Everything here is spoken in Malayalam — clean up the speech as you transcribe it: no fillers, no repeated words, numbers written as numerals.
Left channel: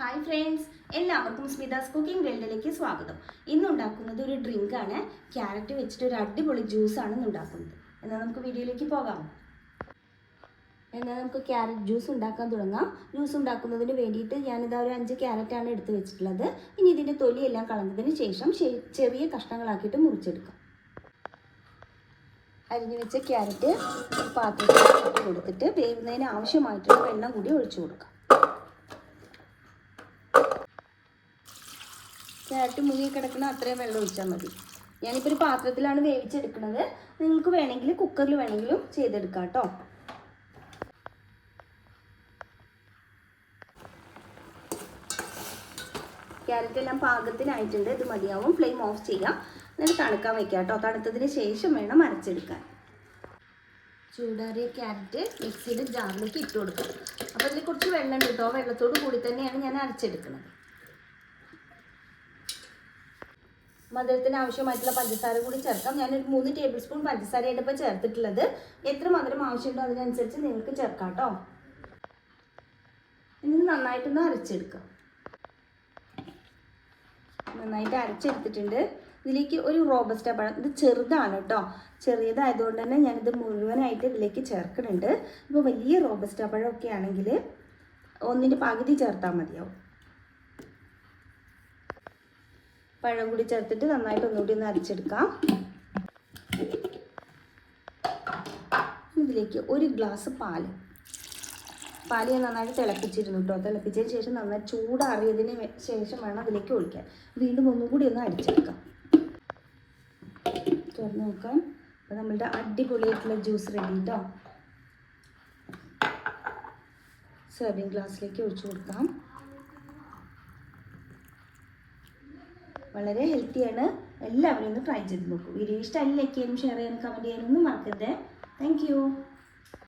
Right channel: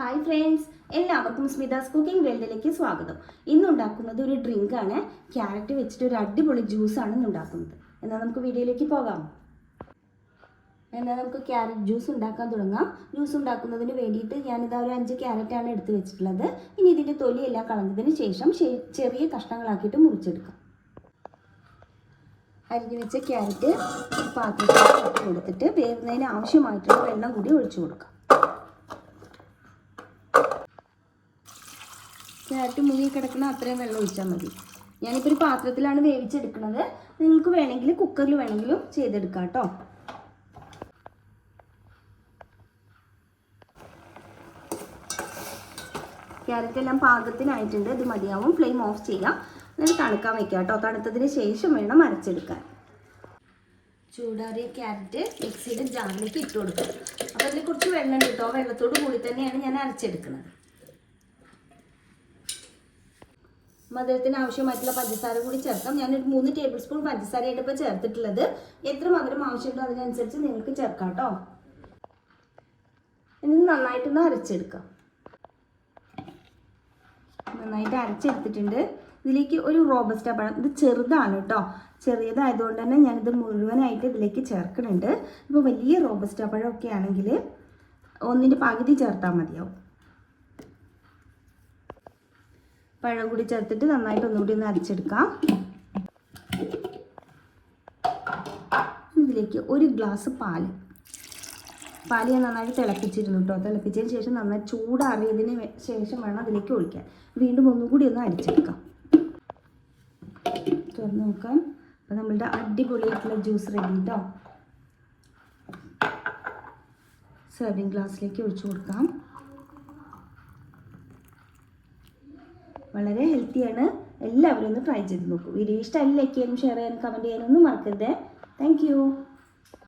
ഹായ് ഫ്രണ്ട്സ്, എല്ലാവർക്കും സ്മിതാസ് കുക്കിംഗ് വേൾഡിലേക്ക് സ്വാഗതം. ഇന്ന് ഉണ്ടാക്കുന്നത് ഒരു ഡ്രിങ്കാണ്. ക്യാരറ്റ് വെച്ചിട്ട് ഒരു അടിപൊളി ജ്യൂസാണ് ഇന്ന് ഉണ്ടാക്കുന്നത്. എന്നാൽ നമുക്ക് വീഡിയോയിലേക്ക് പോകാം. എന്നാൽ നമുക്ക് ക്യാരറ്റ് ജ്യൂസ് ഉണ്ടാക്കാൻ തുടങ്ങാം. ജ്യൂസ് ഉണ്ടാക്കുന്നതിന് വേണ്ടിയിട്ട് ഞാനിത് ഒരു 5 ക്യാരറ്റാണ് എടുത്ത് വെച്ചിട്ടുള്ളത്. ഇനി ഇതിൻ്റെ തൊലിയെല്ലാം കളഞ്ഞതിന് ശേഷം ചെറിയ കഷ്ണങ്ങളാക്കിയിട്ട് മുറിച്ചെടുക്കാം. അരിഞ്ഞു വെച്ച ക്യാരറ്റ് പാത്രത്തിൽ കൊടുത്തിട്ട് വേവുന്നതിന് ആവശ്യമായിട്ടുള്ള വെള്ളം കൂടി ഒഴിച്ചു കൊടുക്കാം. ക്യാരറ്റ് മുങ്ങി കിടക്കുന്ന അത്രയും വെള്ളം ഒഴിച്ചാൽ മതി. ഞാനിപ്പോൾ ഒരു പാത്രത്തിലാണ് വേവിച്ചെടുക്കുന്നത്. നിങ്ങൾക്ക് വേണമെങ്കിൽ കുക്കറിൽ വേണമെങ്കിലും ചെയ്തെടുക്കാം കേട്ടോ. ക്യാരറ്റ് എല്ലാം പാകത്തിനായിട്ടുണ്ട്. ഇത് മതിയാവും. ഫ്ലെയിം ഓഫ് ചെയ്യാം. എന്നിട്ട് തണുക്കാൻ വയ്ക്കാം കേട്ടോ. തണുത്തതിന് ശേഷം വേണം അരച്ചെടുക്കാൻ. ചൂടാറിയ ക്യാരറ്റ് മിക്സിയുടെ ജാറിലേക്ക് ഇട്ട് കൊടുക്കാം. അപ്പോൾ അതിൽ കുറച്ച് വെള്ളം കിട്ടും. ആ വെള്ളത്തോട് കൂടി തന്നെയാണ് ഞാൻ അരച്ചെടുക്കുന്നത്. മധുരത്തിന് ആവശ്യമായിട്ടുള്ള പഞ്ചസാര കൂടി ചേർക്കാം. ഞാനൊരു 3 ടേബിൾ സ്പൂൺ പഞ്ചസാരയായിട്ട് ഇപ്പോൾ ചേർത്തിട്ടുള്ളത്. എത്ര മധുരം ആവശ്യമുണ്ടോ അതിനനുസരിച്ച് നിങ്ങൾക്ക് ചേർക്കാം കേട്ടോ. ഇനി നന്നായിട്ടൊന്ന് അരച്ചെടുക്കാം. നന്നായിട്ട് അരച്ചെടുത്തിട്ടുണ്ട്. ഇതിലേക്ക് ഒരു റോബസ്റ്റ പഴം, ഇത് ചെറുതാണ് കേട്ടോ. ചെറിയതായതുകൊണ്ട് തന്നെ ഞാനിത് മുഴുവനായിട്ട് ഇതിലേക്ക് ചേർക്കുന്നുണ്ട്. ഇപ്പോൾ വലിയ റോബസ്റ്റ പഴമൊക്കെ ആണെങ്കിൽ ഒന്നിൻ്റെ പകുതി ചേർത്താൽ മതിയാവും. പഴം കൂടി ചേർത്തിട്ട് നന്നായിട്ട് ഒന്നുകൂടി ഒന്ന് അരച്ചെടുക്കാം. ഇതിലേക്ക് 1 ഗ്ലാസ് പാല് ഞാൻ നന്നായിട്ട് തിളപ്പിച്ചിരുന്നു കേട്ടോ. തിളപ്പിച്ചതിന് ശേഷം നന്നായി ചൂടാറിയതിന് ശേഷം വേണം അതിലേക്ക് ഒഴിക്കാൻ. വീണ്ടും ഒന്നുകൂടി ഒന്ന് അടിച്ചെടുക്കാം. തുറന്ന് നോക്കാം. നമ്മളുടെ അടിപൊളിയായിട്ടുള്ള ജ്യൂസ് റെഡി കേട്ടോ. സെർവിങ് ഗ്ലാസ്സിലേക്ക് ഒഴിച്ചു കൊടുക്കാം. വളരെ ഹെൽത്തിയാണ്. എല്ലാവരും ഒന്ന് ട്രൈ ചെയ്ത് നോക്കും. വീഡിയോ ഇഷ്ടമായി ലൈക്ക് ചെയ്യാനും ഷെയർ ചെയ്യാനും കമൻറ്റ് ചെയ്യാനൊന്നും മറക്കരുത്. Thank you.